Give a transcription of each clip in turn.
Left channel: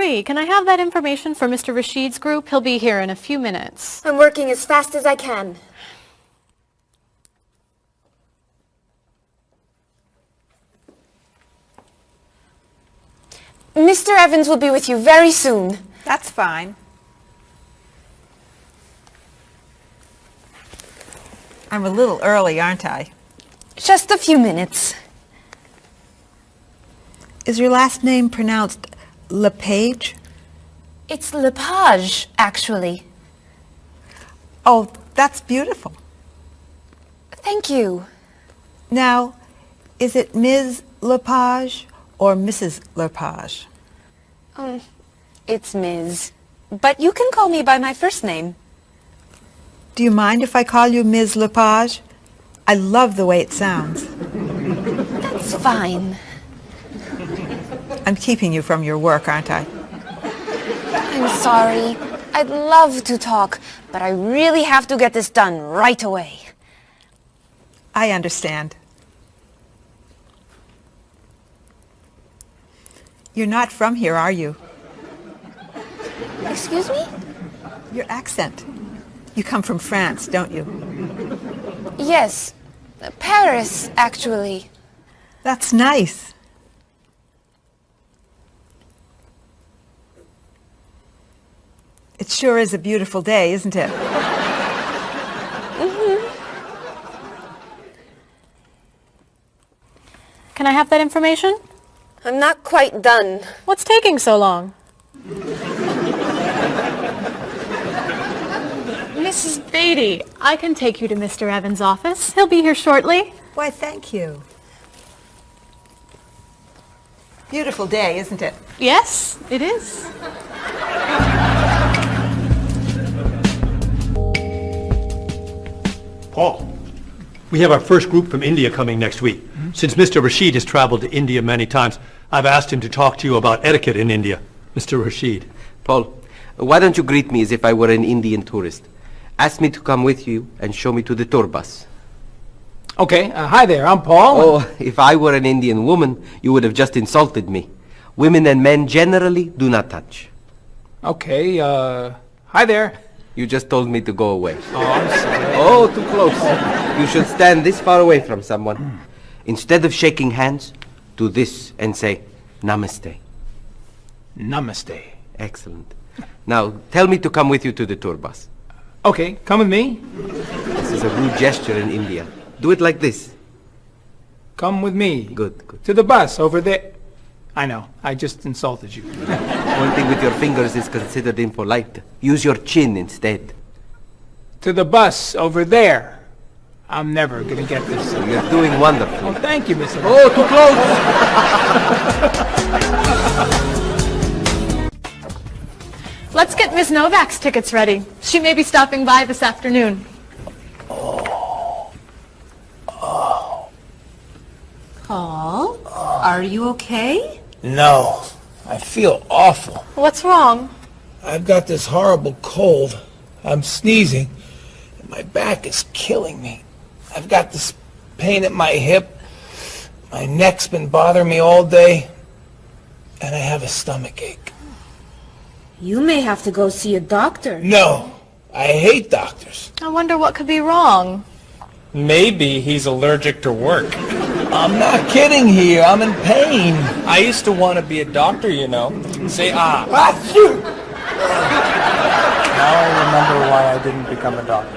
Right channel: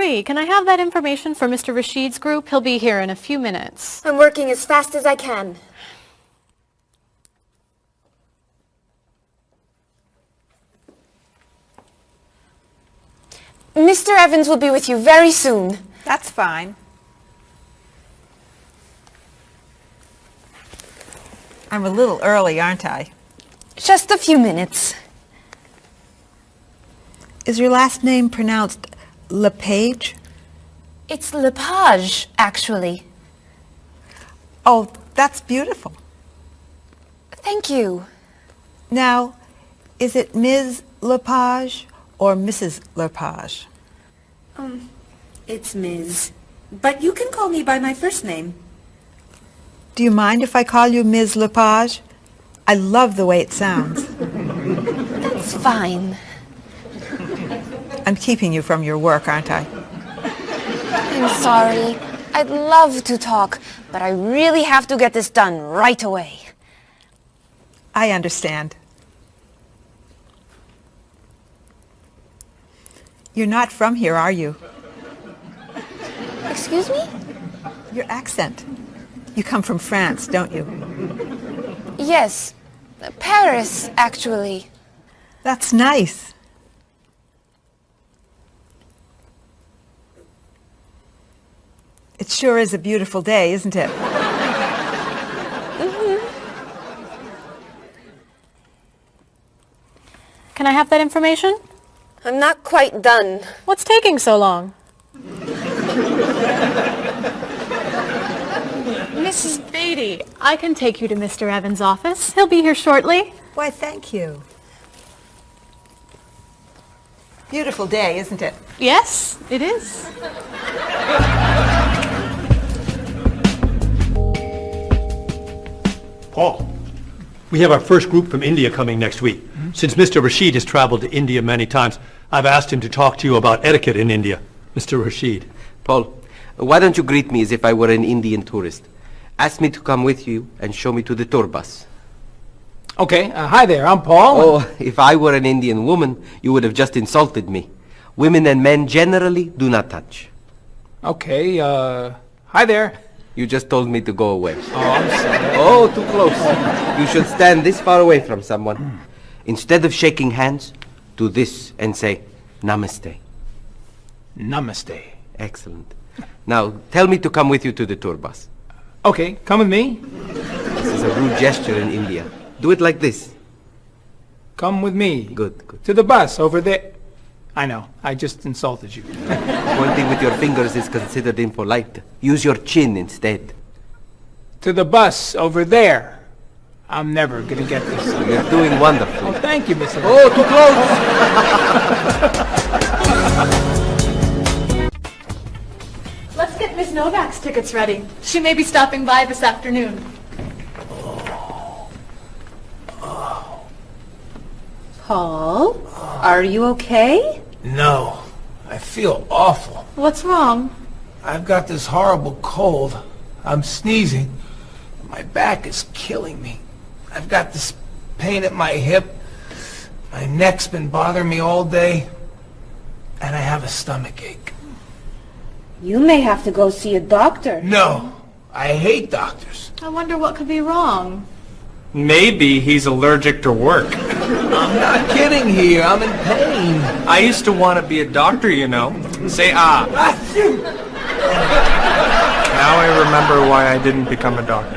Marie, can I have that information for Mr. Rashid's group? He'll be here in a few minutes. I'm working as fast as I can. Mr. Evans will be with you very soon. That's fine. I'm a little early, aren't I? Just a few minutes. Is your last name pronounced LePage? It's Lepage, actually. Oh, that's beautiful. Thank you. Now, is it Ms. Lepage or Mrs. Lepage? It's Ms. But you can call me by my first name. Do you mind if I call you Ms. Lepage? I love the way it sounds. That's fine. I'm keeping you from your work, aren't I? I'm sorry. I'd love to talk, but I really have to get this done right away. I understand. You're not from here, are you? Excuse me? Your accent. You come from France, don't you? Yes. Paris, actually. That's nice. It sure is a beautiful day, isn't it? Can I have that information? I'm not quite done. What's taking so long? Mrs. Beatty, I can take you to Mr. Evans' office. He'll be here shortly. Why, thank you. Beautiful day, isn't it? Yes, it is. Paul, we have our first group from India coming next week. Since Mr. Rashid has traveled to India many times, I've asked him to talk to you about etiquette in India. Mr. Rashid. Paul, why don't you greet me as if I were an Indian tourist? Ask me to come with you and show me to the tour bus. Okay, hi there, I'm Paul. Oh, if I were an Indian woman, you would have just insulted me. Women and men generally do not touch. Okay, hi there. You just told me to go away. Oh, I'm sorry. Oh, too close. You should stand this far away from someone. Instead of shaking hands, do this and say, Namaste. Namaste. Excellent. Now, tell me to come with you to the tour bus. Okay, come with me. This is a rude gesture in India. Do it like this. Come with me. Good, good. To the bus over there. I know, I just insulted you. Pointing with your fingers is considered impolite. Use your chin instead. To the bus over there. I'm never gonna get this. You're doing wonderfully. Oh, thank you, Mr. Oh, too close! Let's get Miss Novak's tickets ready. She may be stopping by this afternoon. Paul, are you okay? No, I feel awful. What's wrong? I've got this horrible cold. I'm sneezing, and my back is killing me. I've got this pain at my hip. My neck's been bothering me all day, and I have a stomach ache. You may have to go see a doctor. No, I hate doctors. I wonder what could be wrong. Maybe he's allergic to work. I'm not kidding here. I'm in pain. I used to want to be a doctor, you know. Say ah. Now I remember why I didn't become a doctor.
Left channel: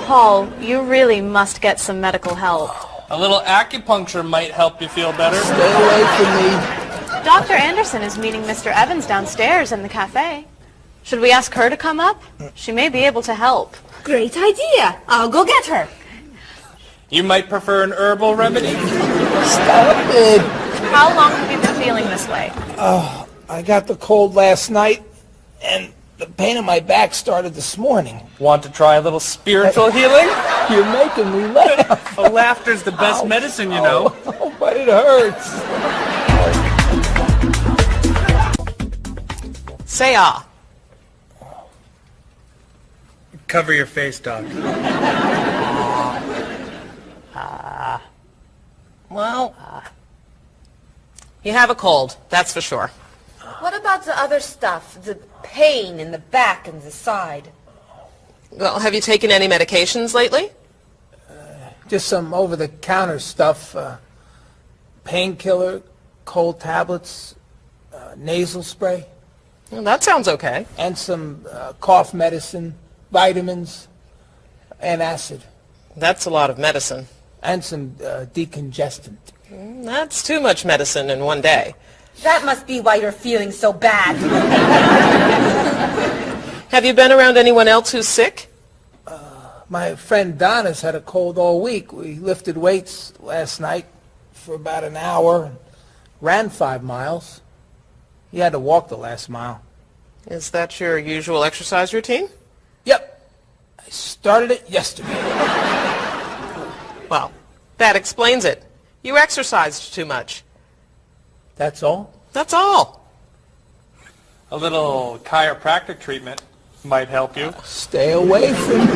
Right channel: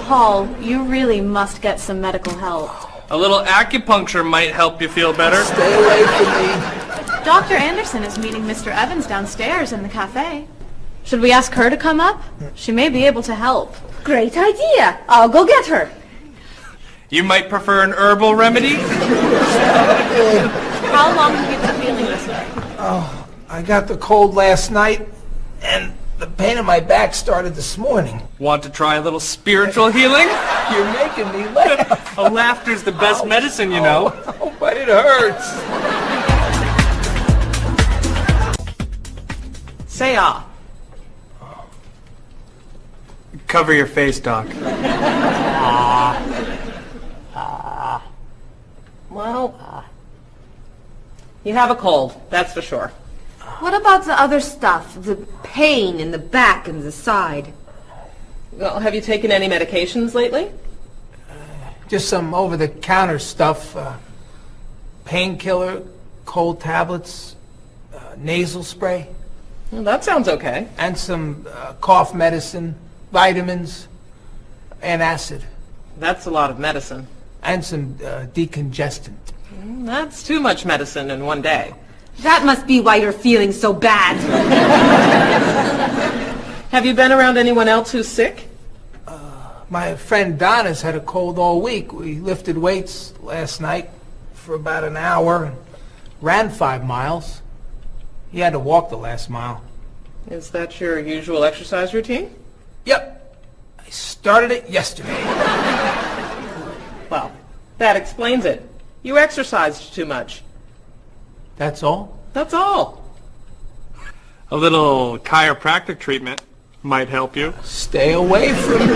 Paul, you really must get some medical help. A little acupuncture might help you feel better. Stay away from me. Dr. Anderson is meeting Mr. Evans downstairs in the cafe. Should we ask her to come up? She may be able to help. Great idea. I'll go get her. You might prefer an herbal remedy? How long have you been feeling this way? Oh, I got the cold last night, and the pain in my back started this morning. Want to try a little spiritual healing? You're making me laugh. Oh, laughter's the best medicine, you know. Oh, but it hurts. Say ah. Cover your face, Doc. Well, you have a cold, that's for sure. What about the other stuff? The pain in the back and the side? Well, have you taken any medications lately? Just some over-the-counter stuff. Painkiller, cold tablets, nasal spray. Well, that sounds okay. And some cough medicine, vitamins, and acid. That's a lot of medicine. And some decongestant. That's too much medicine in one day. That must be why you're feeling so bad. Have you been around anyone else who's sick? My friend Donna's had a cold all week. We lifted weights last night for about an hour, ran 5 miles. He had to walk the last mile. Is that your usual exercise routine? Yep. I started it yesterday. Well, that explains it. You exercised too much. That's all? That's all. A little chiropractic treatment might help you. Stay away from me.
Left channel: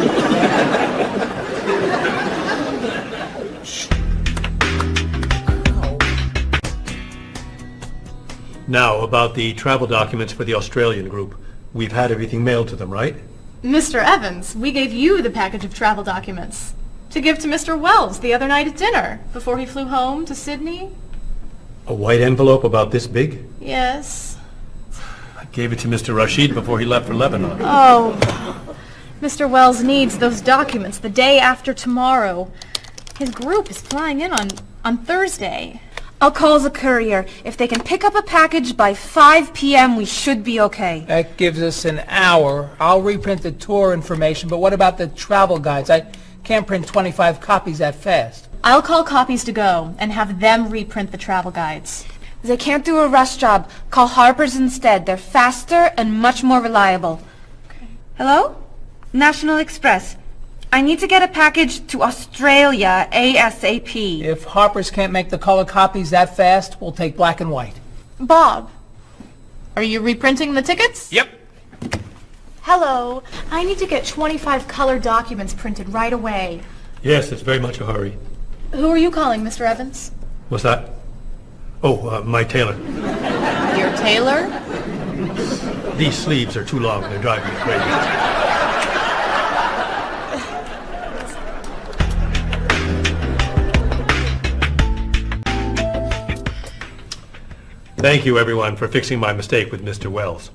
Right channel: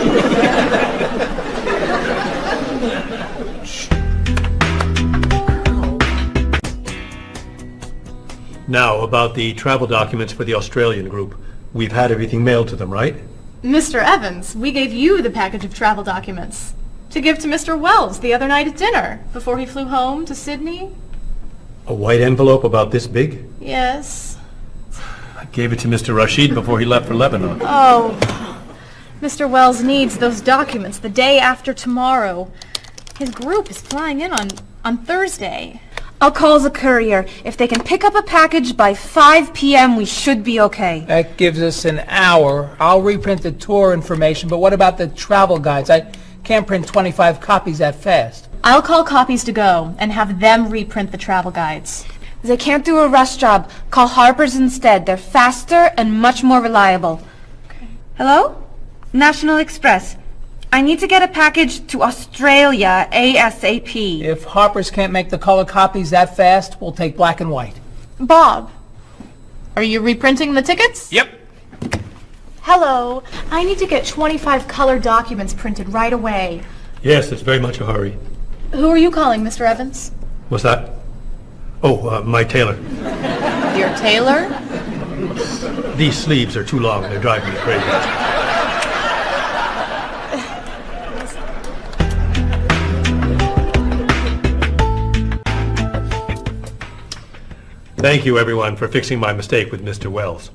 Now, about the travel documents for the Australian group. We've had everything mailed to them, right? Mr. Evans, we gave you the package of travel documents to give to Mr. Wells the other night at dinner before he flew home to Sydney. A white envelope about this big? Yes. I gave it to Mr. Rashid before he left for Lebanon. Oh, Mr. Wells needs those documents the day after tomorrow. His group is flying in on Thursday. I'll call the courier. If they can pick up a package by 5 p.m., we should be okay. That gives us an hour. I'll reprint the tour information, but what about the travel guides? I can't print 25 copies that fast. I'll call Copies to Go and have them reprint the travel guides. They can't do a rush job. Call Harper's instead. They're faster and much more reliable. Okay. Hello? National Express. I need to get a package to Australia ASAP. If Harper's can't make the color copies that fast, we'll take black and white. Bob, are you reprinting the tickets? Yep. Hello. I need to get 25 color documents printed right away. Yes, it's very much a hurry. Who are you calling, Mr. Evans? What's that? Oh, my tailor. Your tailor? These sleeves are too long. They're driving me crazy. Thank you, everyone, for fixing my mistake with Mr. Wells.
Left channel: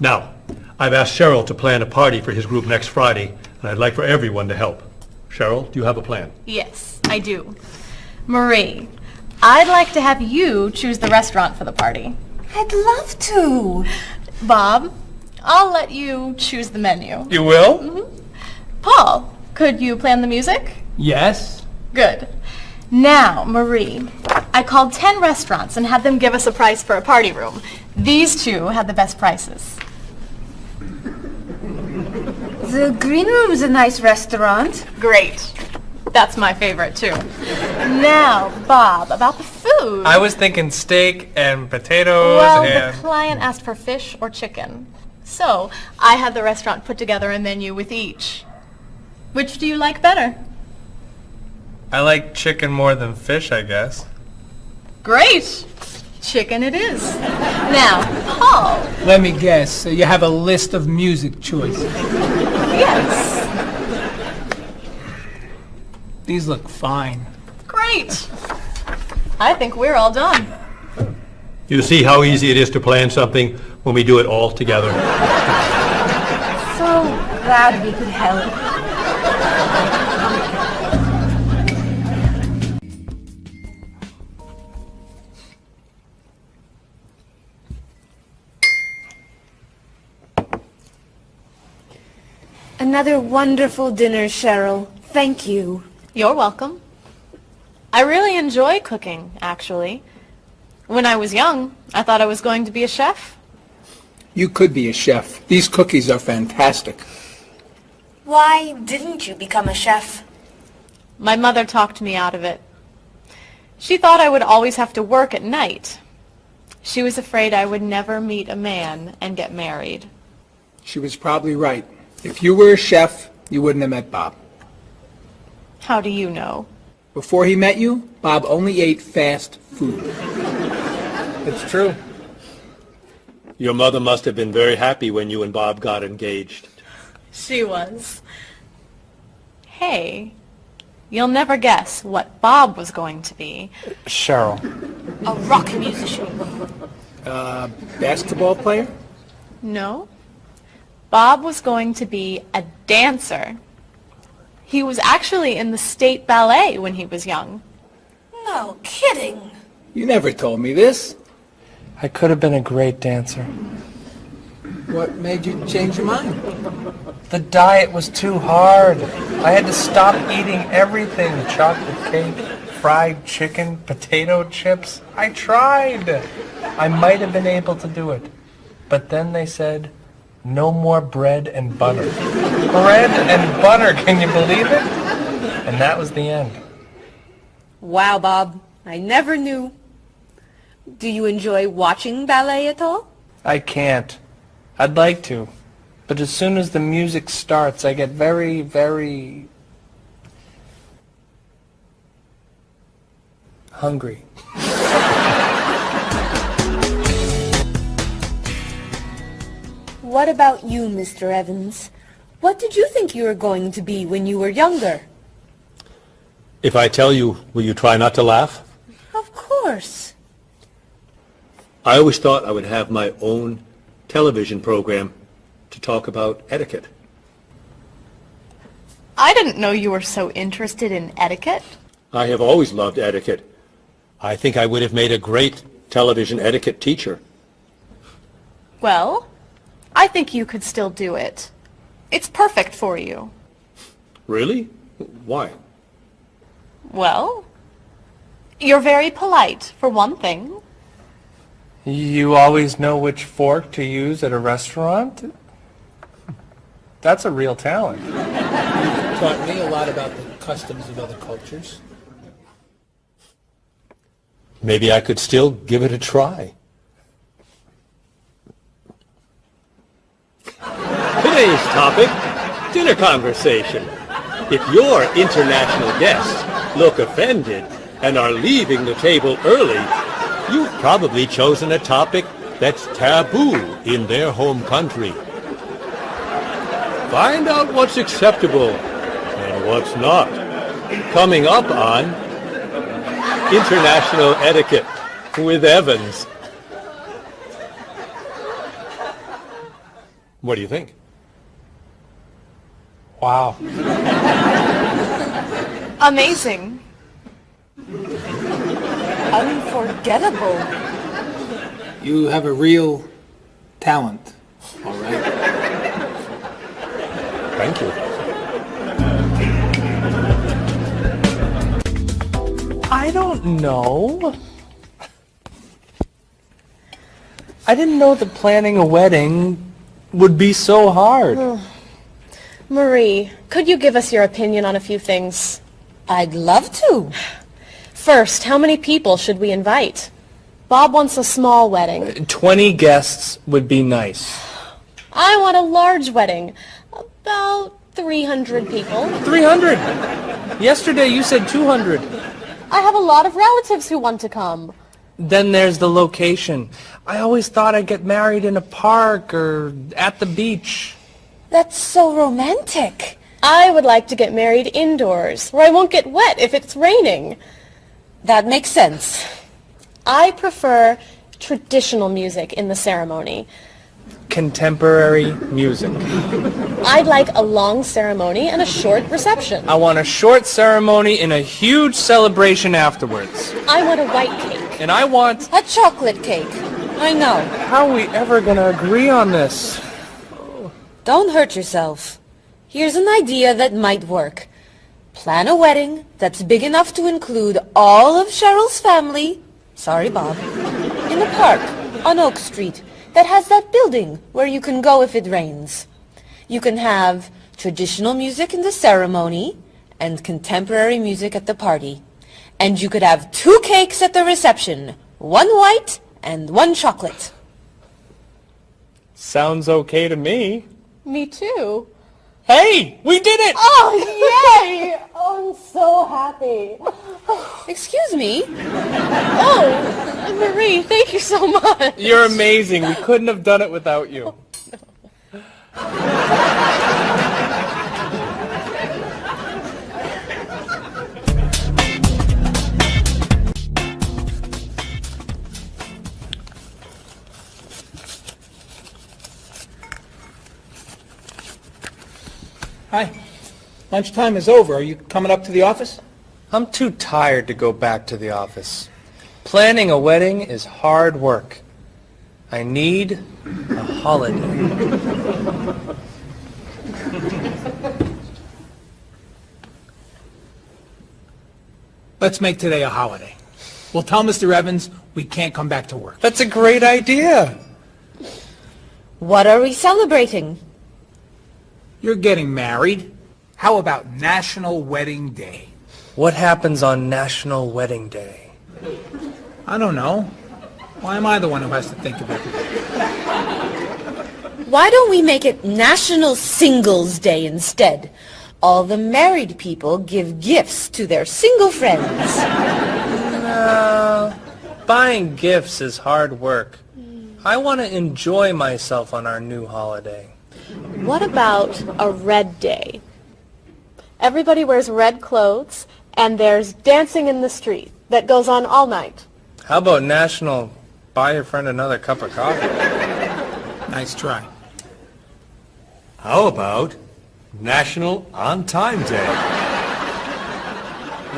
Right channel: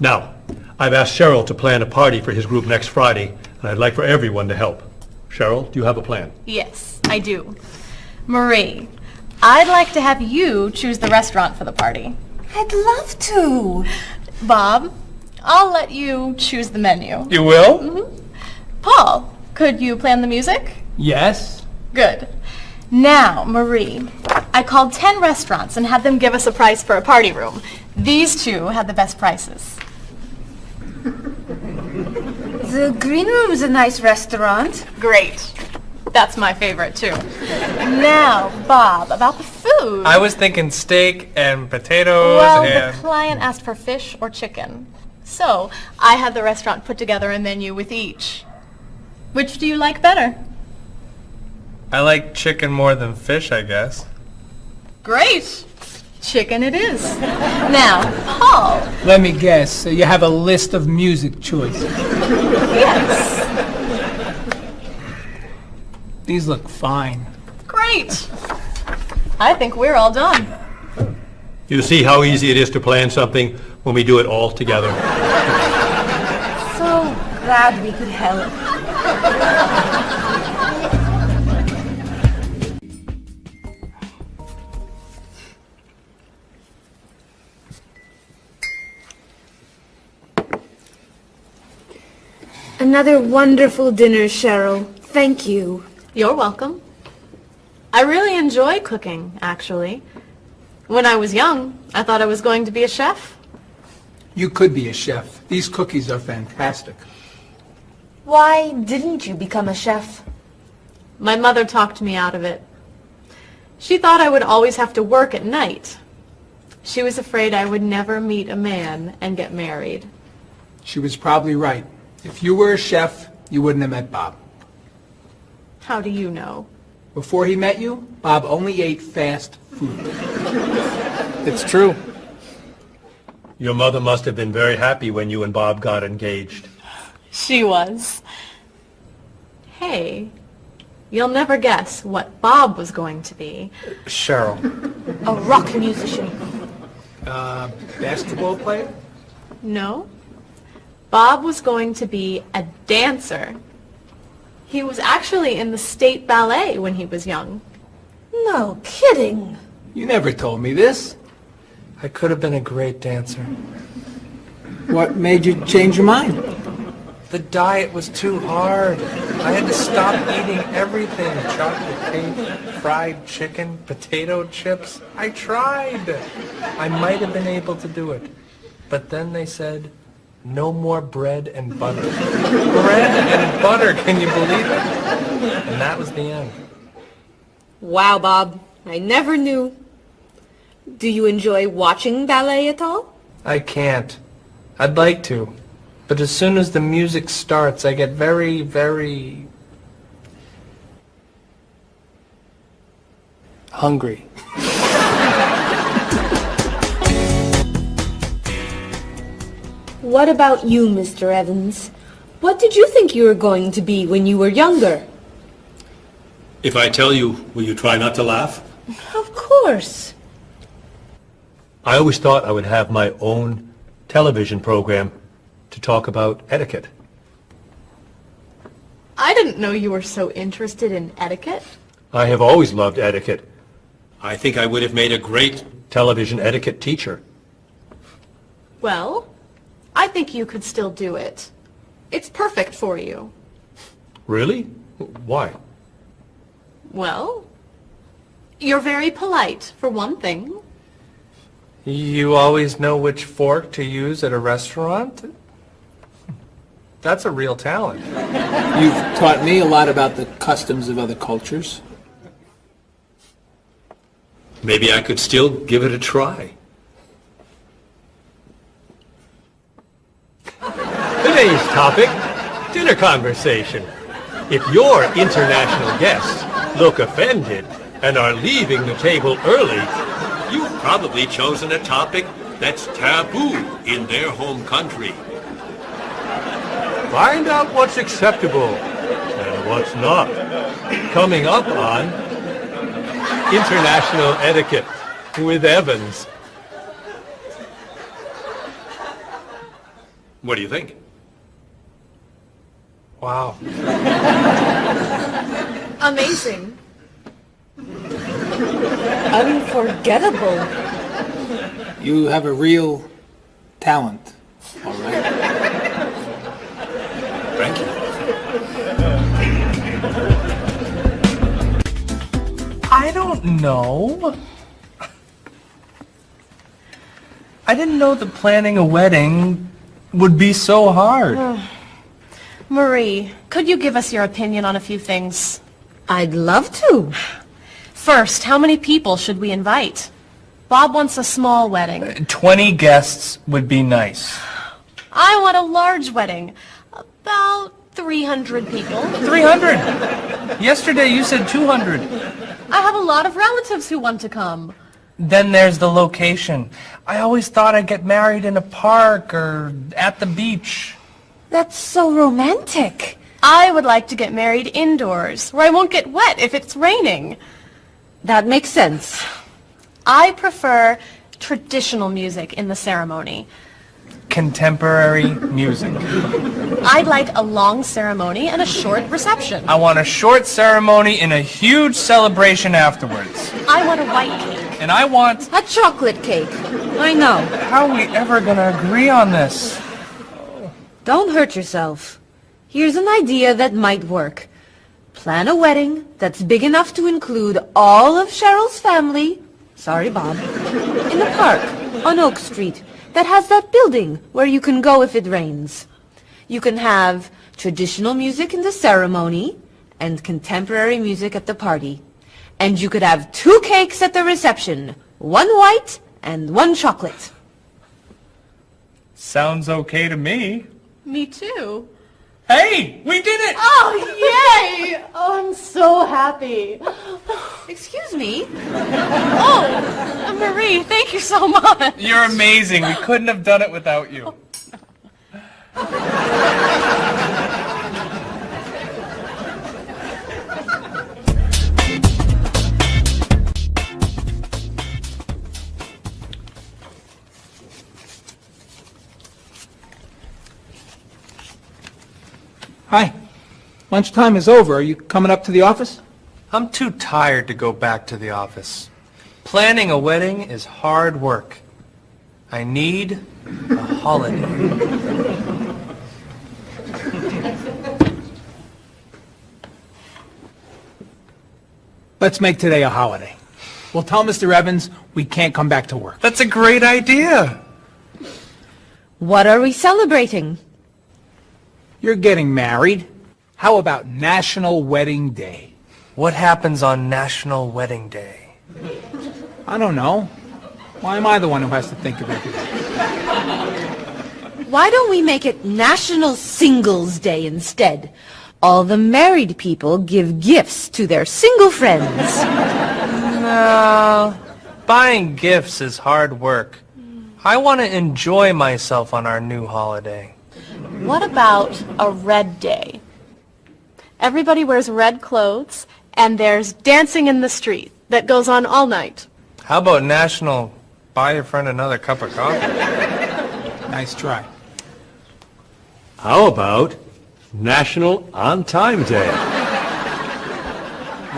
Now, I've asked Cheryl to plan a party for his group next Friday, and I'd like for everyone to help. Cheryl, do you have a plan? Yes, I do. Marie, I'd like to have you choose the restaurant for the party. I'd love to. Bob, I'll let you choose the menu. You will? Mm-hmm. Paul, could you plan the music? Yes? Good. Now, Marie, I called 10 restaurants and had them give us a price for a party room. These two had the best prices. The Green Room's a nice restaurant. Great. That's my favorite, too. Now, Bob, about the food. I was thinking steak and potatoes Well, and... the client asked for fish or chicken. So, I had the restaurant put together a menu with each. Which do you like better? I like chicken more than fish, I guess. Great. Chicken it is. Now, Paul. Let me guess. So you have a list of music choices. Yes. These look fine. Great. I think we're all done. You see how easy it is to plan something when we do it all together? So glad we could help. Another wonderful dinner, Cheryl. Thank you. You're welcome. I really enjoy cooking, actually. When I was young, I thought I was going to be a chef. You could be a chef. These cookies are fantastic. Why didn't you become a chef? My mother talked me out of it. She thought I would always have to work at night. She was afraid I would never meet a man and get married. She was probably right. If you were a chef, you wouldn't have met Bob. How do you know? Before he met you, Bob only ate fast food. It's true. Your mother must have been very happy when you and Bob got engaged. She was. Hey, you'll never guess what Bob was going to be. Cheryl. A rock musician. Basketball player? No. Bob was going to be a dancer. He was actually in the state ballet when he was young. No kidding. You never told me this. I could have been a great dancer. What made you change your mind? The diet was too hard. I had to stop eating everything. Chocolate cake, fried chicken, potato chips. I tried. I might have been able to do it. But then they said, no more bread and butter. Bread and butter, can you believe it? And that was the end. Wow, Bob. I never knew. Do you enjoy watching ballet at all? I can't. I'd like to. But as soon as the music starts, I get very, very hungry. What about you, Mr. Evans? What did you think you were going to be when you were younger? If I tell you, will you try not to laugh? Of course. I always thought I would have my own television program to talk about etiquette. I didn't know you were so interested in etiquette. I have always loved etiquette. I think I would have made a great television etiquette teacher. Well, I think you could still do it. It's perfect for you. Really? Why? Well, you're very polite, for one thing. You always know which fork to use at a restaurant? That's a real talent. You've taught me a lot about the customs of other cultures. Maybe I could still give it a try. Today's topic, dinner conversation. If your international guests look offended and are leaving the table early, you've probably chosen a topic that's taboo in their home country. Find out what's acceptable and what's not. Coming up on International Etiquette with Evans. What do you think? Wow. Amazing. Unforgettable. You have a real talent, all right? Thank you. I don't know. I didn't know that planning a wedding would be so hard. Marie, could you give us your opinion on a few things? I'd love to. First, how many people should we invite? Bob wants a small wedding. 20 guests would be nice. I want a large wedding. About 300 people. 300? Yesterday you said 200. I have a lot of relatives who want to come. Then there's the location. I always thought I'd get married in a park or at the beach. That's so romantic. I would like to get married indoors, where I won't get wet if it's raining. That makes sense. I prefer traditional music in the ceremony. Contemporary music. I'd like a long ceremony and a short reception. I want a short ceremony and a huge celebration afterwards. I want a white cake. And I want... A chocolate cake. I know. How are we ever going to agree on this? Don't hurt yourself. Here's an idea that might work. Plan a wedding that's big enough to include all of Cheryl's family, sorry Bob, in the park on Oak Street that has that building where you can go if it rains. You can have traditional music in the ceremony and contemporary music at the party. And you could have 2 cakes at the reception, 1 white and 1 chocolate. Sounds okay to me. Me too. Hey, we did it! Oh, yay! Oh, I'm so happy. Excuse me? Oh, Marie, thank you so much. You're amazing. We couldn't have done it without you. Hi. Lunchtime is over. Are you coming up to the office? I'm too tired to go back to the office. Planning a wedding is hard work. I need a holiday. Let's make today a holiday. We'll tell Mr. Evans we can't come back to work. That's a great idea. What are we celebrating? You're getting married. How about National Wedding Day? What happens on National Wedding Day? I don't know. Why am I the one who has to think of everything? Why don't we make it National Singles Day instead? All the married people give gifts to their single friends. No, buying gifts is hard work. I want to enjoy myself on our new holiday. What about a red day? Everybody wears red clothes, and there's dancing in the street that goes on all night. How about National Buy Your Friend Another Cup of Coffee? Nice try. How about National On Time Day?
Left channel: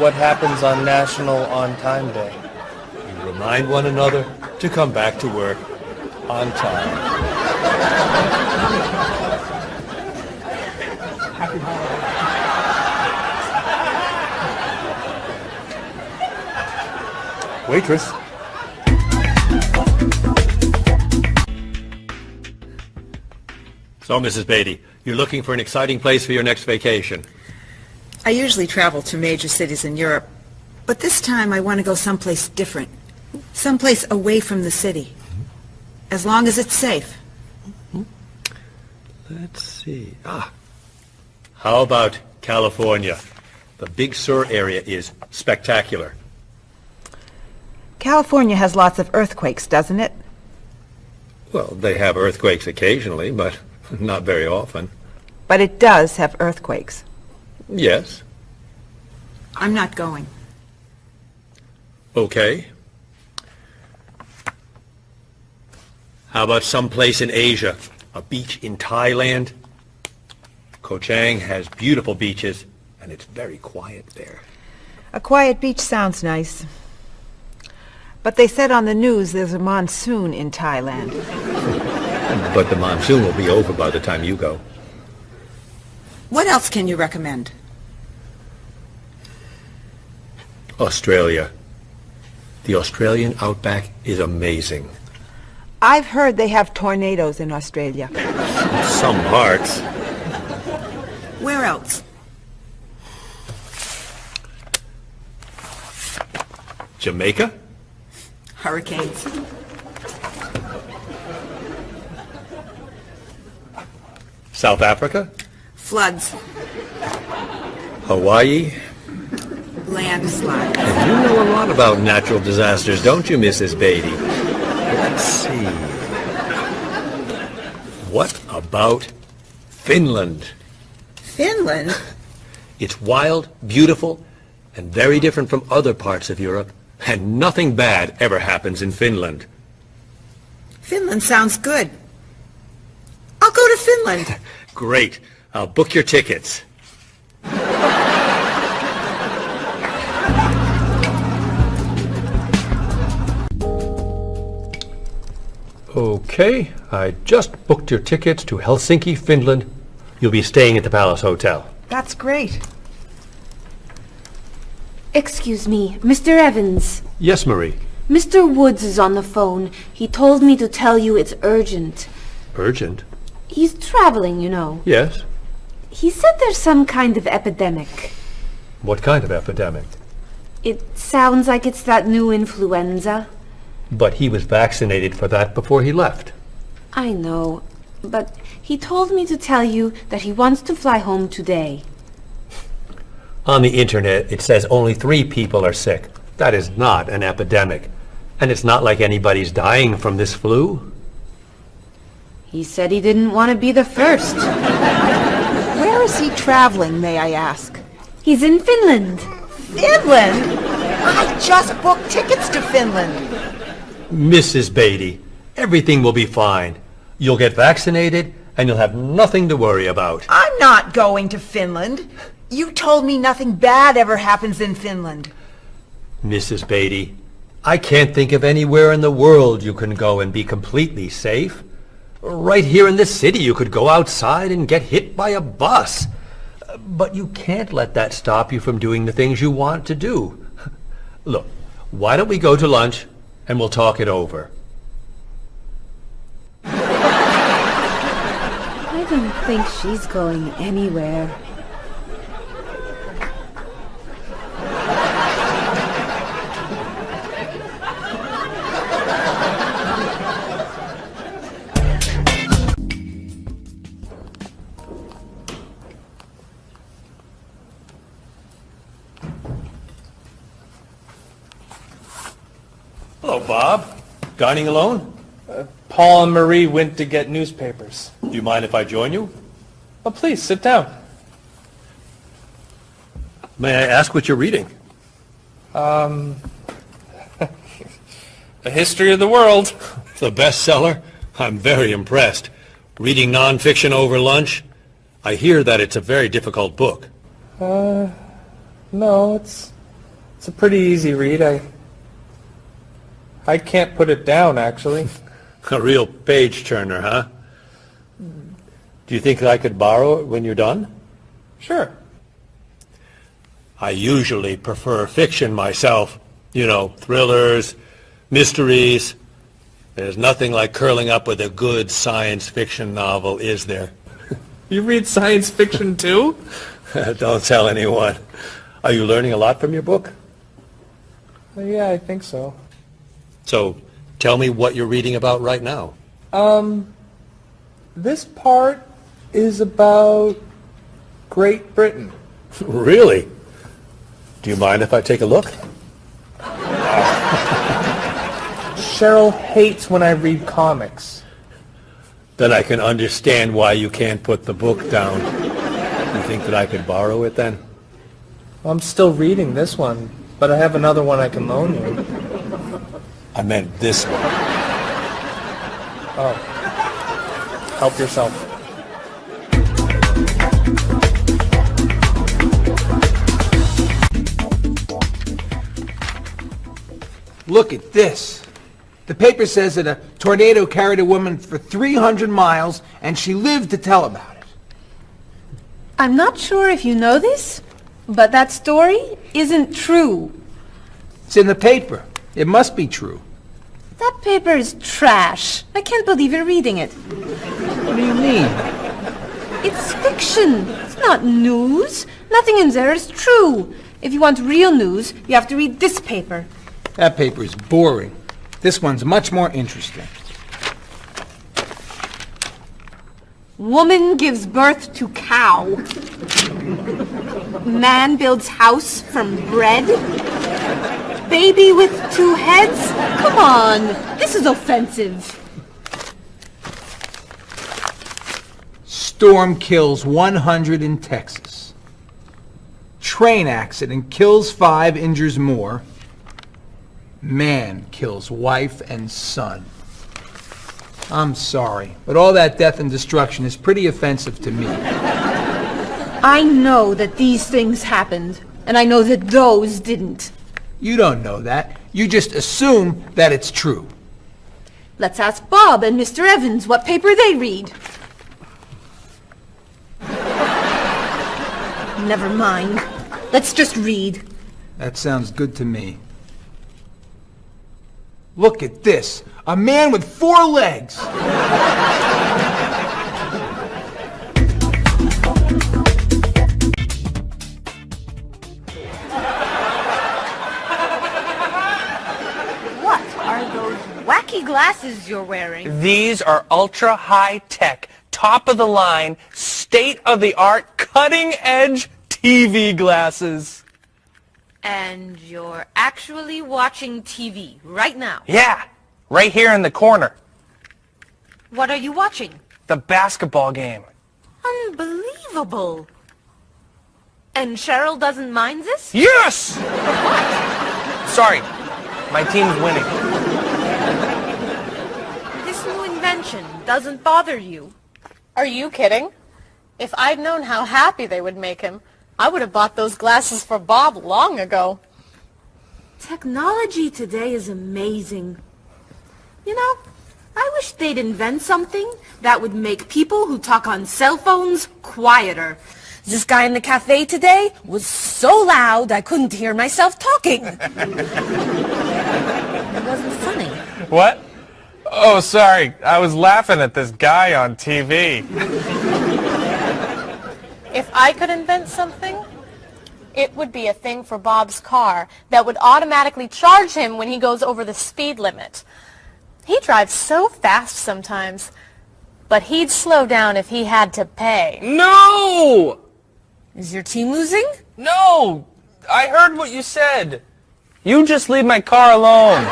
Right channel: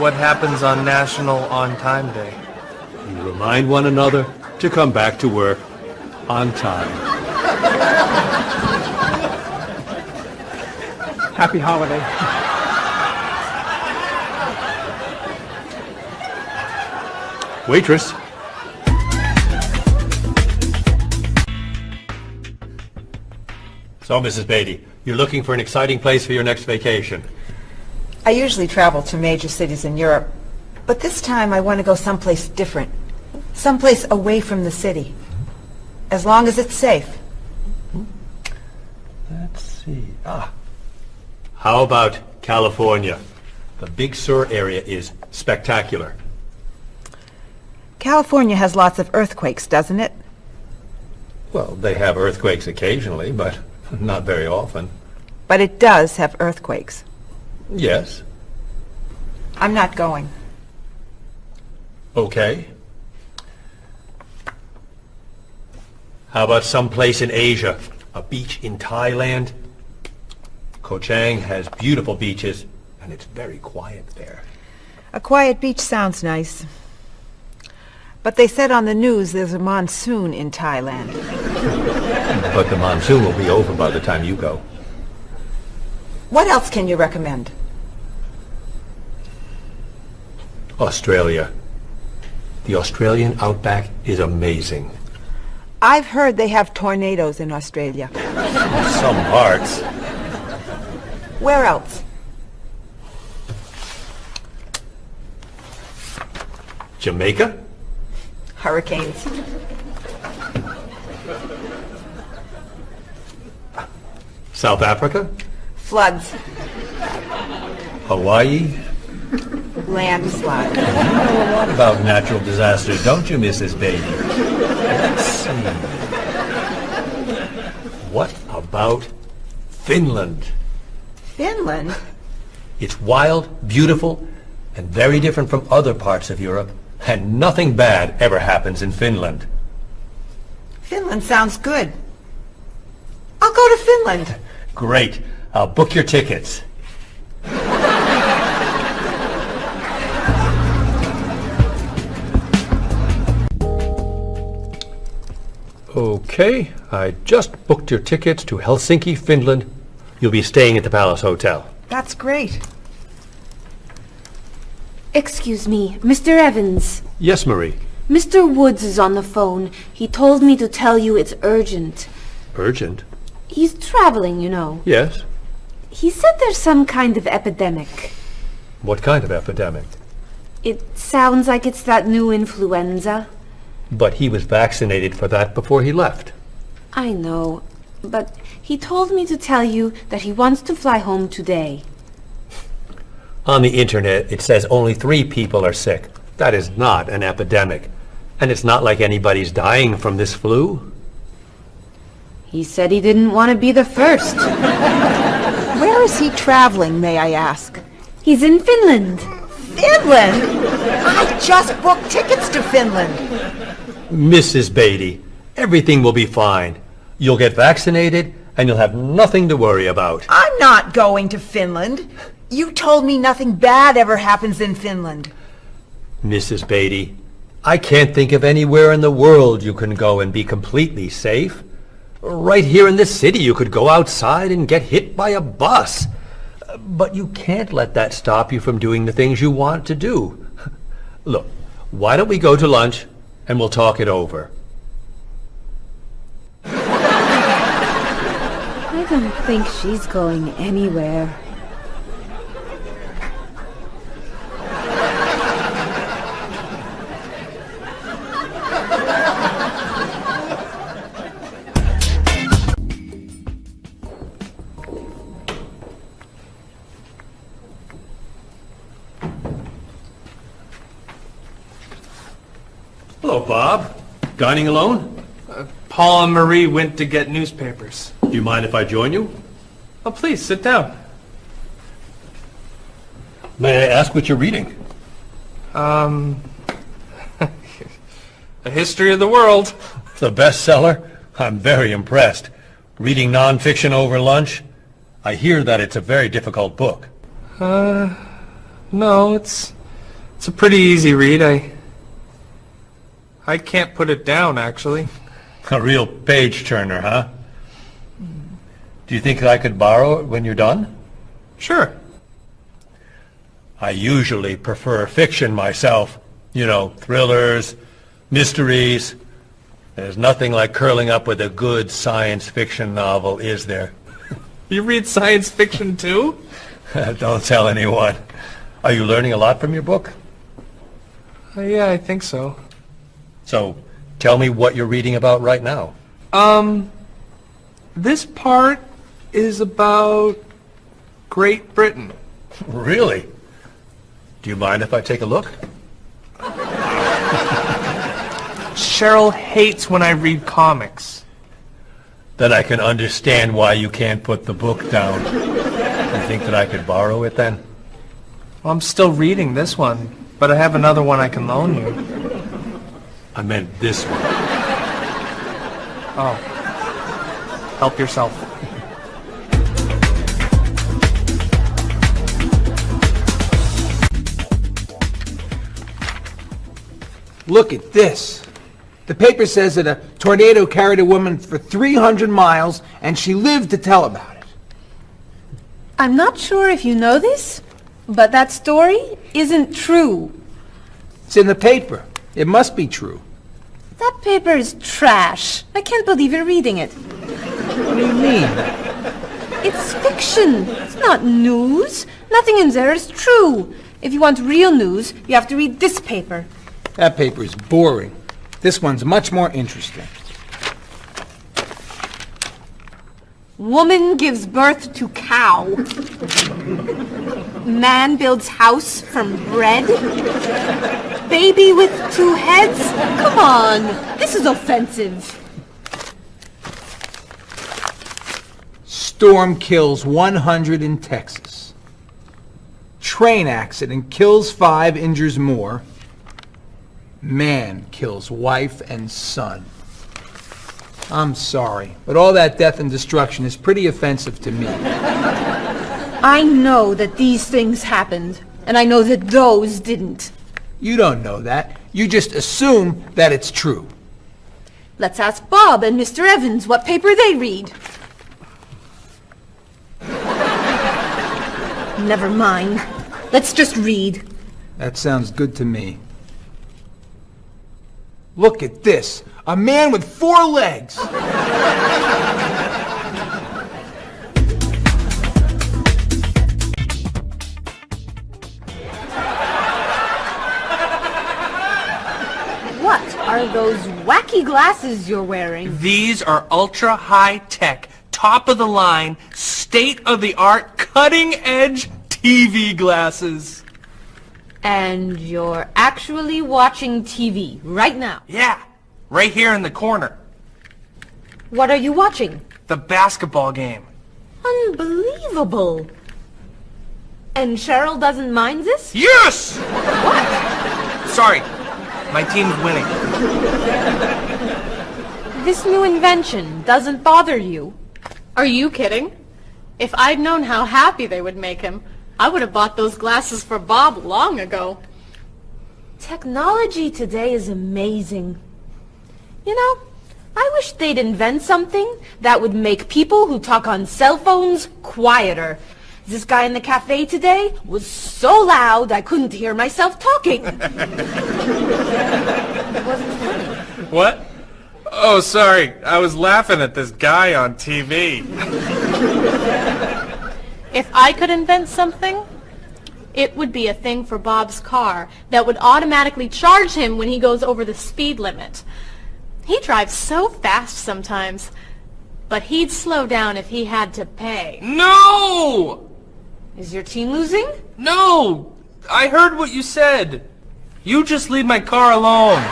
What happens on National On Time Day? You remind one another to come back to work on time. Happy holiday. Waitress. So, Mrs. Beatty, you're looking for an exciting place for your next vacation. I usually travel to major cities in Europe, but this time I want to go someplace different. Someplace away from the city. As long as it's safe. Let's see. How about California? The Big Sur area is spectacular. California has lots of earthquakes, doesn't it? Well, they have earthquakes occasionally, but not very often. But it does have earthquakes. Yes. I'm not going. Okay. How about someplace in Asia? A beach in Thailand? Koh Chang has beautiful beaches, and it's very quiet there. A quiet beach sounds nice. But they said on the news there's a monsoon in Thailand. But the monsoon will be over by the time you go. What else can you recommend? Australia. The Australian outback is amazing. I've heard they have tornadoes in Australia. Some parts. Where else? Jamaica? Hurricanes. South Africa? Floods. Hawaii? Landslides. You know a lot about natural disasters, don't you, Mrs. Beatty? Let's see. What about Finland? Finland? It's wild, beautiful, and very different from other parts of Europe. And nothing bad ever happens in Finland. Finland sounds good. I'll go to Finland. Great. I'll book your tickets. Okay, I just booked your tickets to Helsinki, Finland. You'll be staying at the Palace Hotel. That's great. Excuse me, Mr. Evans. Yes, Marie. Mr. Woods is on the phone. He told me to tell you it's urgent. Urgent? He's traveling, you know. Yes. He said there's some kind of epidemic. What kind of epidemic? It sounds like it's that new influenza. But he was vaccinated for that before he left. I know, but He told me to tell you that he wants to fly home today. On the internet, it says only 3 people are sick. That is not an epidemic. And it's not like anybody's dying from this flu. He said he didn't want to be the first. Where is he traveling, may I ask? He's in Finland. Finland? I just booked tickets to Finland. Mrs. Beatty, everything will be fine. You'll get vaccinated, and you'll have nothing to worry about. I'm not going to Finland. You told me nothing bad ever happens in Finland. Mrs. Beatty, I can't think of anywhere in the world you can go and be completely safe. Right here in this city, you could go outside and get hit by a bus. But you can't let that stop you from doing the things you want to do. Look, why don't we go to lunch and we'll talk it over? I don't think she's going anywhere. Hello, Bob. Dining alone? Paul and Marie went to get newspapers. Do you mind if I join you? Oh, please, sit down. May I ask what you're reading? A history of the world. It's a bestseller. I'm very impressed. Reading nonfiction over lunch? I hear that it's a very difficult book. No, it's a pretty easy read. I can't put it down, actually. A real page-turner, huh? Do you think I could borrow it when you're done? Sure. I usually prefer fiction myself. You know, thrillers, mysteries. There's nothing like curling up with a good science fiction novel, is there? You read science fiction, too? Don't tell anyone. Are you learning a lot from your book? Yeah, I think so. So, tell me what you're reading about right now. This part is about Great Britain. Really? Do you mind if I take a look? Cheryl hates when I read comics. Then I can understand why you can't put the book down. You think that I could borrow it then? Well, I'm still reading this one, but I have another one I can loan you. I meant this one. Oh. Help yourself. Look at this. The paper says that a tornado carried a woman for 300 miles, and she lived to tell about it. I'm not sure if you know this, but that story isn't true. It's in the paper. It must be true. That paper is trash. I can't believe you're reading it. What do you mean? It's fiction. It's not news. Nothing in there is true. If you want real news, you have to read this paper. That paper is boring. This one's much more interesting. Woman gives birth to cow. Man builds house from bread. Baby with 2 heads? Come on, this is offensive. Storm kills 100 in Texas. Train accident kills 5, injures more. Man kills wife and son. I'm sorry, but all that death and destruction is pretty offensive to me. I know that these things happened, and I know that those didn't. You don't know that. You just assume that it's true. Let's ask Bob and Mr. Evans what paper they read. Never mind. Let's just read. That sounds good to me. Look at this. A man with 4 legs. What are those wacky glasses you're wearing? These are ultra high tech top-of-the-line, state-of-the-art, cutting-edge TV glasses. And you're actually watching TV right now. Yeah, right here in the corner. What are you watching? The basketball game. Unbelievable. And Cheryl doesn't mind this? Yes! Sorry, my team's winning. This new invention doesn't bother you. Are you kidding? If I'd known how happy they would make him, I would have bought those glasses for Bob long ago. Technology today is amazing. You know, I wish they'd invent something that would make people who talk on cell phones quieter. This guy in the cafe today was so loud I couldn't hear myself talking. It wasn't funny. What? Oh, sorry. I was laughing at this guy on TV. If I could invent something, it would be a thing for Bob's car that would automatically charge him when he goes over the speed limit. He drives so fast sometimes, but he'd slow down if he had to pay. No! Is your team losing? No! I heard what you said. You just leave my car alone.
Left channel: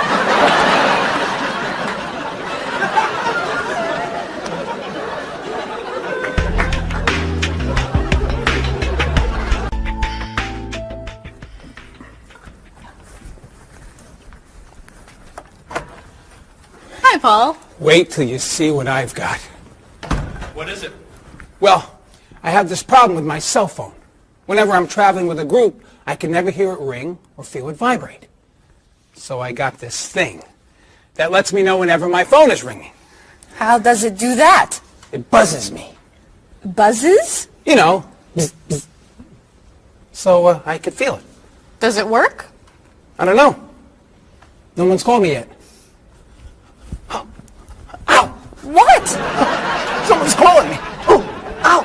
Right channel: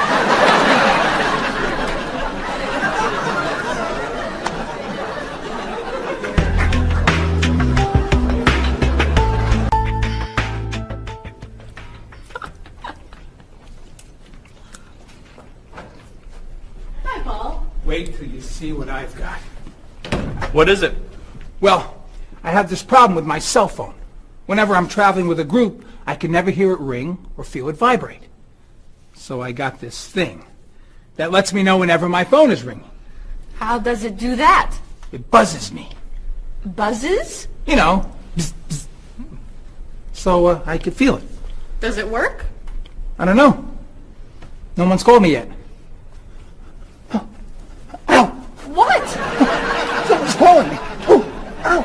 Hi, Paul. Wait till you see what I've got. What is it? Well, I have this problem with my cell phone. Whenever I'm traveling with a group, I can never hear it ring or feel it vibrate. So I got this thing that lets me know whenever my phone is ringing. How does it do that? It buzzes me. Buzzes? You know, bzz, bzz. So I could feel it. Does it work? I don't know. No one's called me yet. Ow! What? Someone's calling me. Oh, ow!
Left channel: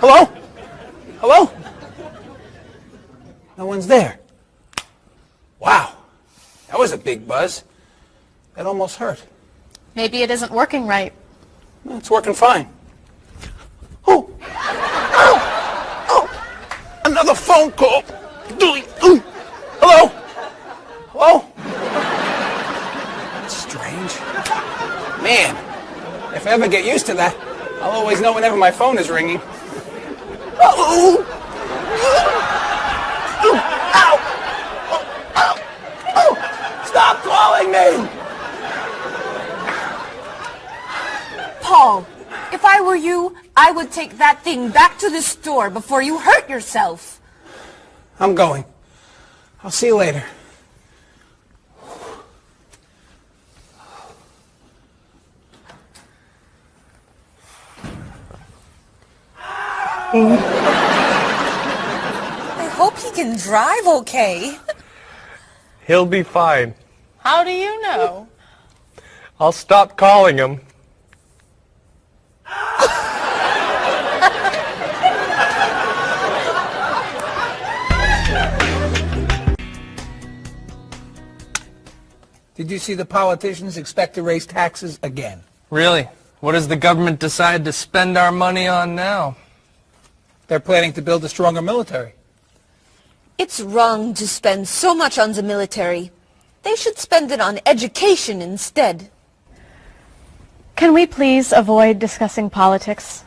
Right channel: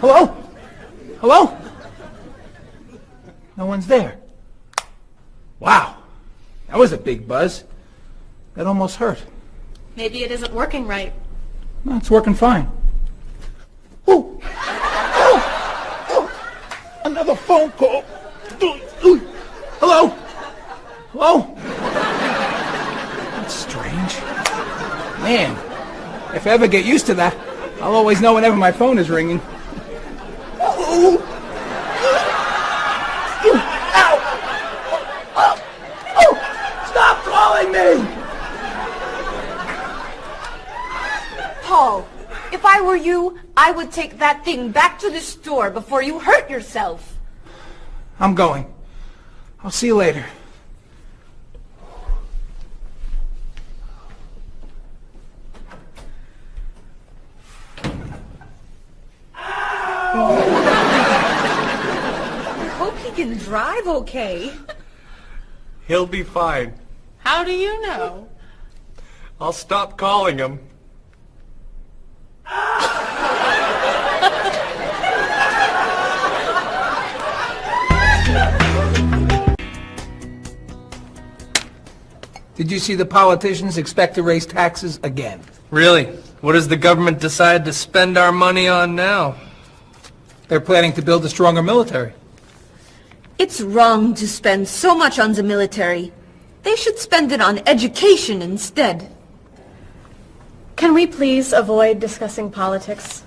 Hello? Hello? No one's there. Wow. That was a big buzz. That almost hurt. Maybe it isn't working right. No, it's working fine. Oh! Ow! Oh! Another phone call. Ooh. Hello? Hello? That's strange. Man, if I ever get used to that, I'll always know whenever my phone is ringing. Oh! Ow! Oh! Oh! Stop calling me! Paul, if I were you, I would take that thing back to the store before you hurt yourself. I'm going. I'll see you later. I hope he can drive okay. He'll be fine. How do you know? I'll stop calling him. Did you see the politicians expect to raise taxes again? Really? What does the government decide to spend our money on now? They're planning to build a stronger military. It's wrong to spend so much on the military. They should spend it on education instead. Can we please avoid discussing politics?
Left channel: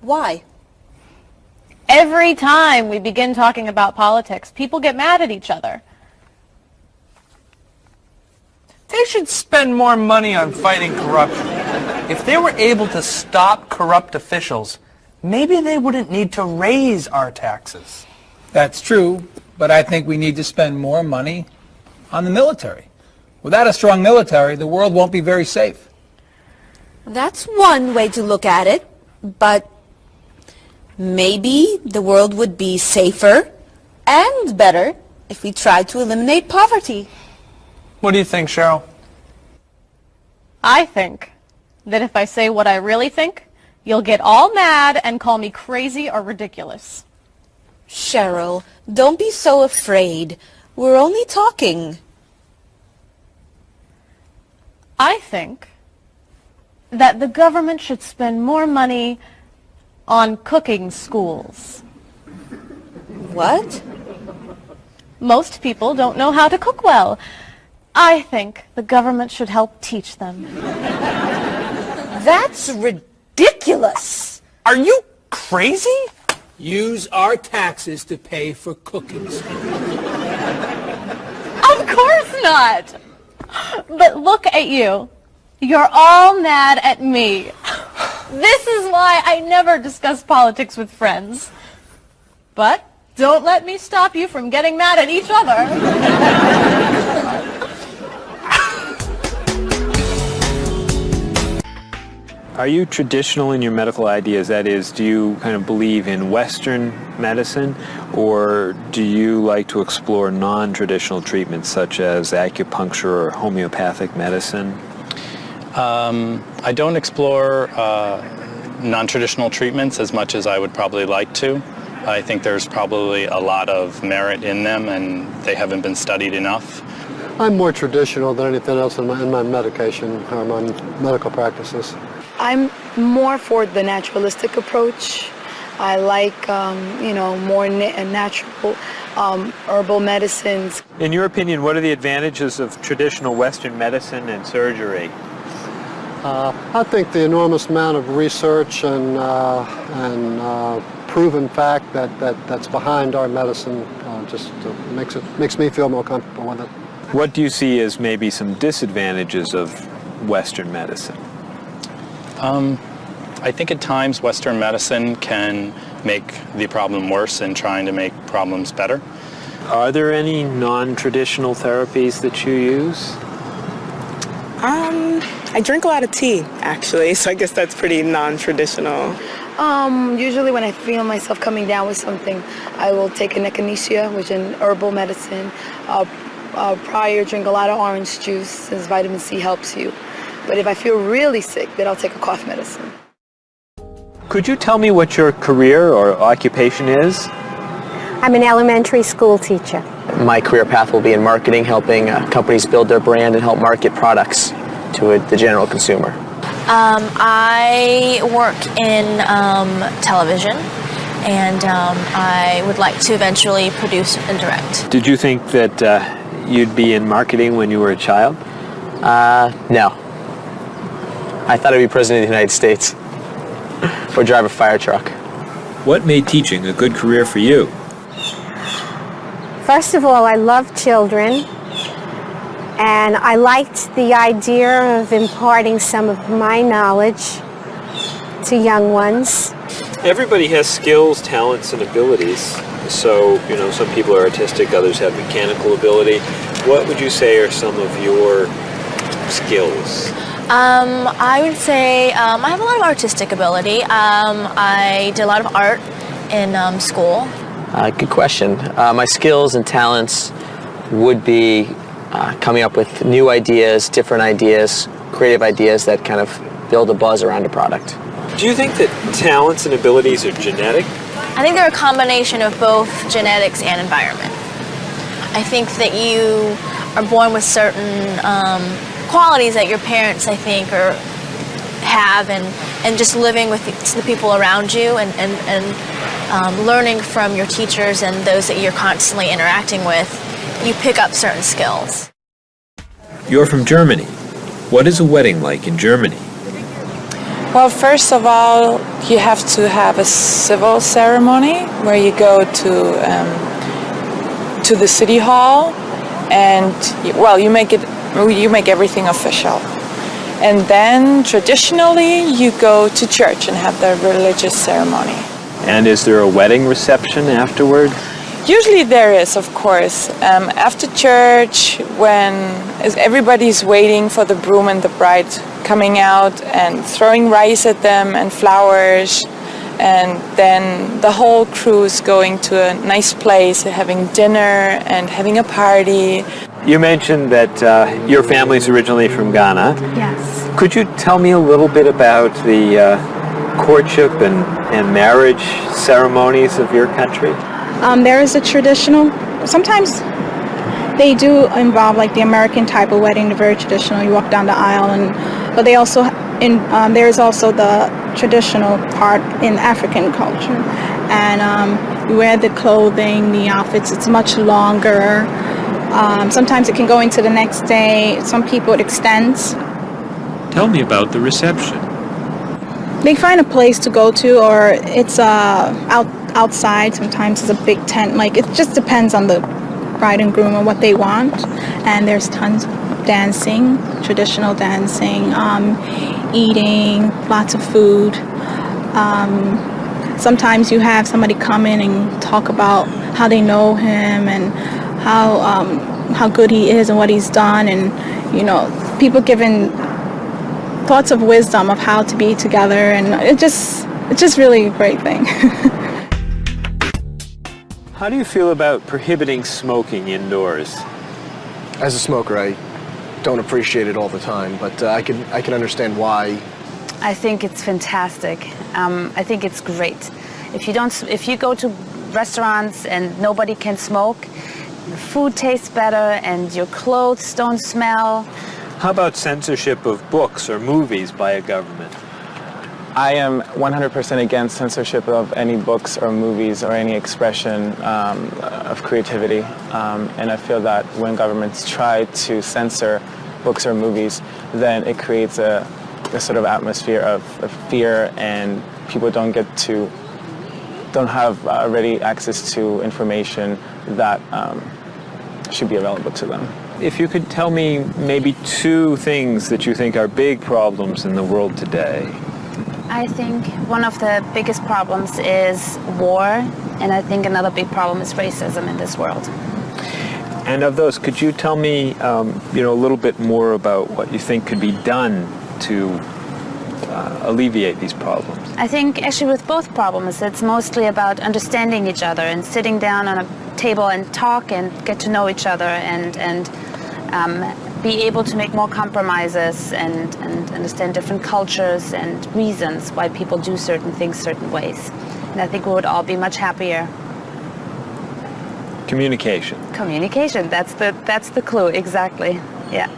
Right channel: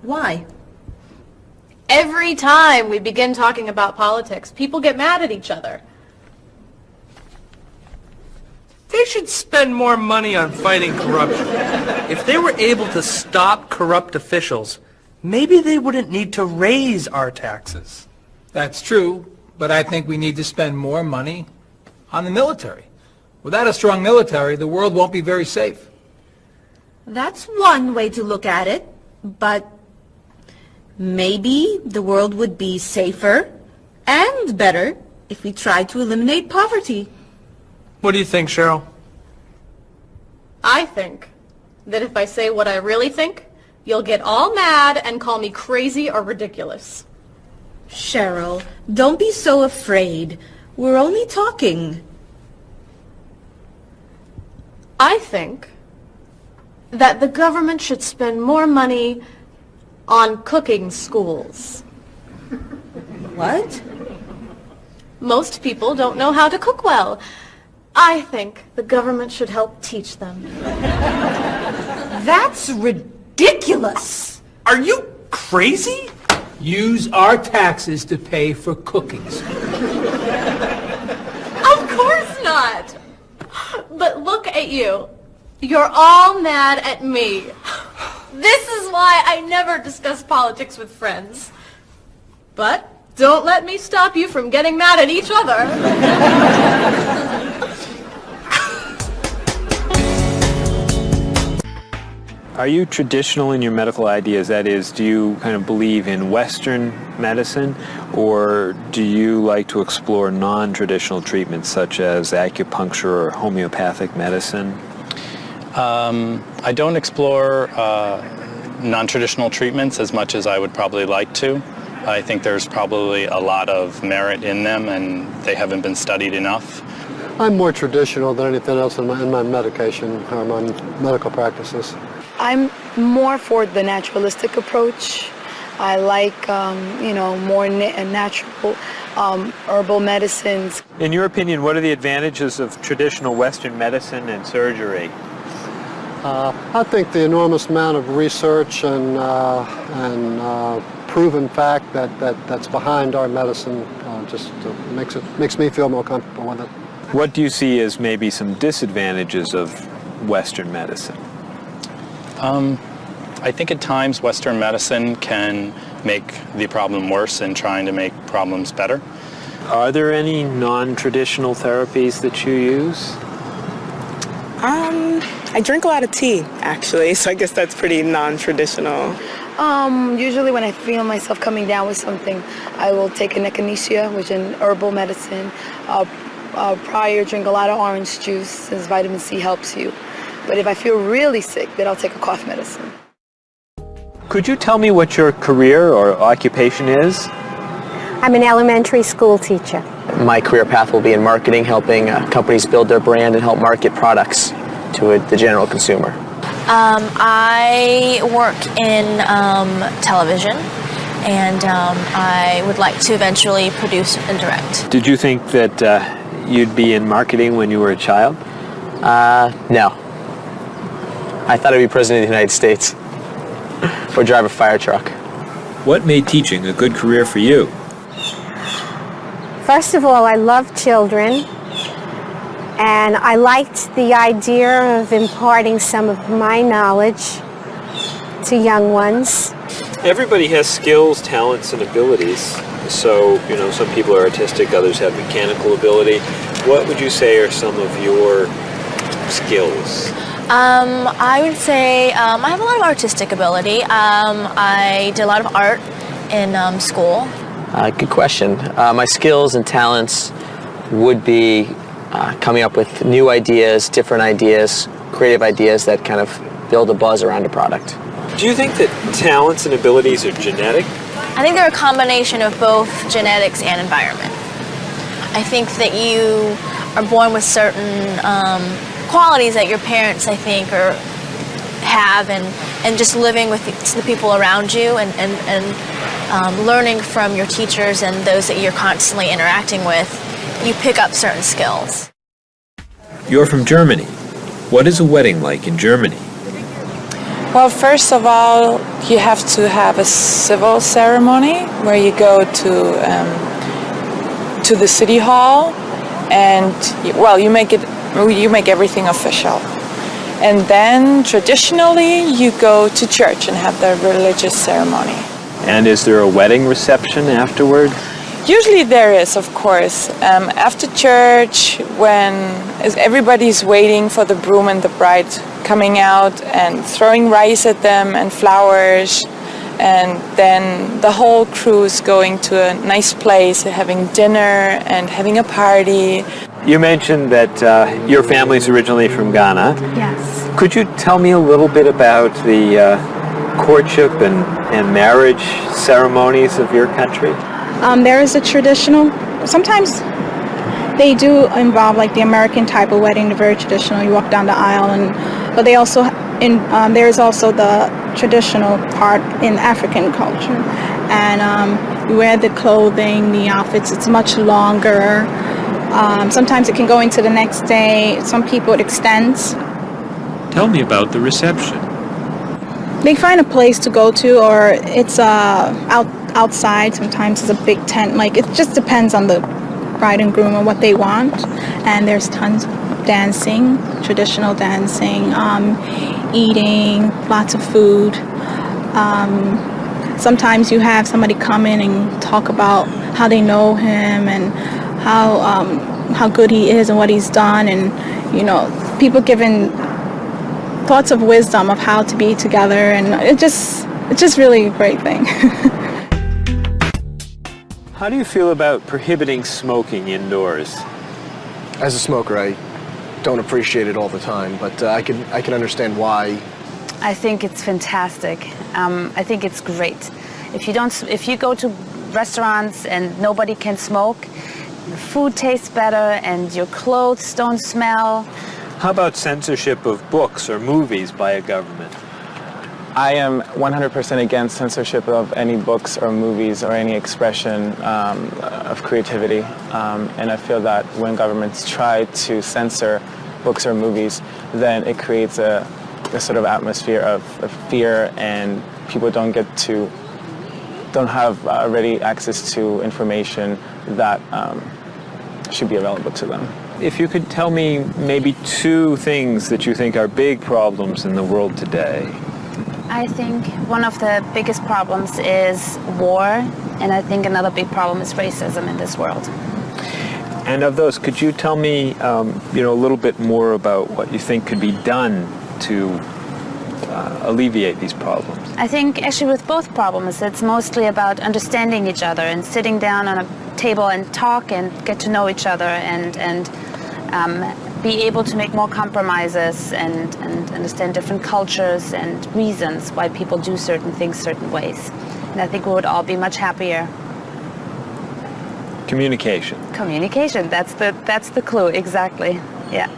Why? Every time we begin talking about politics, people get mad at each other. They should spend more money on fighting corruption. If they were able to stop corrupt officials, maybe they wouldn't need to raise our taxes. That's true, but I think we need to spend more money on the military. Without a strong military, the world won't be very safe. That's one way to look at it, but maybe the world would be safer and better if we tried to eliminate poverty. What do you think, Cheryl? I think that if I say what I really think, you'll get all mad and call me crazy or ridiculous. Cheryl, don't be so afraid. We're only talking. I think that the government should spend more money on cooking schools. What? Most people don't know how to cook well. I think the government should help teach them. That's ridiculous. Are you crazy? Use our taxes to pay for cooking school. Of course not. But look at you. You're all mad at me. This is why I never discuss politics with friends. But don't let me stop you from getting mad at each other. Are you traditional in your medical ideas? That is, do you kind of believe in Western medicine, or do you like to explore non-traditional treatments such as acupuncture or homeopathic medicine? I don't explore non-traditional treatments as much as I would probably like to. I think there's probably a lot of merit in them, and they haven't been studied enough. I'm more traditional than anything else in my medication or my medical practices. I'm more for the naturalistic approach. I like, more natural herbal medicines. In your opinion, what are the advantages of traditional Western medicine and surgery? I think the enormous amount of research and proven fact that's behind our medicine just makes me feel more comfortable with it. What do you see as maybe some disadvantages of Western medicine? I think at times Western medicine can make the problem worse in trying to make problems better. Are there any non-traditional therapies that you use? I drink a lot of tea, actually, so I guess that's pretty non-traditional. Usually when I feel myself coming down with something, I will take an echinacea, which is an herbal medicine. Prior, drink a lot of orange juice, since vitamin C helps you. But if I feel really sick, then I'll take a cough medicine. Could you tell me what your career or occupation is? I'm an elementary school teacher. My career path will be in marketing, helping companies build their brand and help market products to the general consumer. I work in television, and I would like to eventually produce and direct. Did you think that you'd be in marketing when you were a child? No. I thought I'd be president of the United States or drive a fire truck. What made teaching a good career for you? First of all, I love children, and I liked the idea of imparting some of my knowledge to young ones. Everybody has skills, talents, and abilities. So, some people are artistic, others have mechanical ability. What would you say are some of your skills? I would say I have a lot of artistic ability. I did a lot of art in school. Good question. My skills and talents would be coming up with new ideas, different ideas, creative ideas that kind of build a buzz around a product. Do you think that talents and abilities are genetic? I think they're a combination of both genetics and environment. I think that you are born with certain qualities that your parents, I think, have, and just living with the people around you and learning from your teachers and those that you're constantly interacting with, you pick up certain skills. You're from Germany. What is a wedding like in Germany? Well, first of all, you have to have a civil ceremony where you go to the city hall, and you make everything official. And then traditionally you go to church and have the religious ceremony. And is there a wedding reception afterward? Usually there is, of course. After church, when everybody's waiting for the groom and the bride coming out and throwing rice at them and flowers, and then the whole crew is going to a nice place, having dinner and having a party. You mentioned that your family's originally from Ghana. Yes. Could you tell me a little bit about the courtship and marriage ceremonies of your country? There is a traditional, sometimes they do involve like the American type of wedding, the very traditional, you walk down the aisle, but they also there's also the traditional part in African culture, and you wear the clothing, the outfits. It's much longer. Sometimes it can go into the next day. Some people it extends. Tell me about the reception. They find a place to go to, or it's outside. Sometimes it's a big tent. Like, it just depends on the bride and groom and what they want. And there's tons of dancing, traditional dancing, eating, lots of food. Sometimes you have somebody come in and talk about how they know him and how good he is and what he's done, and people giving thoughts of wisdom of how to be together, and it's just really a great thing. How do you feel about prohibiting smoking indoors? As a smoker, I don't appreciate it all the time, but I can understand why. I think it's fantastic. I think it's great. If you go to restaurants and nobody can smoke, the food tastes better and your clothes don't smell. How about censorship of books or movies by a government? I am 100% against censorship of any books or movies or any expression of creativity. And I feel that when governments try to censor books or movies, then it creates a sort of atmosphere of fear, and people don't have ready access to information that should be available to them. If you could tell me maybe two things that you think are big problems in the world today. I think one of the biggest problems is war, and I think another big problem is racism in this world. And of those, could you tell me a little bit more about what you think could be done to alleviate these problems? I think actually with both problems, it's mostly about understanding each other and sitting down on a table and talk and get to know each other and be able to make more compromises and understand different cultures and reasons why people do certain things certain ways. And I think we would all be much happier. Communication. Communication, that's the clue, exactly. Yeah.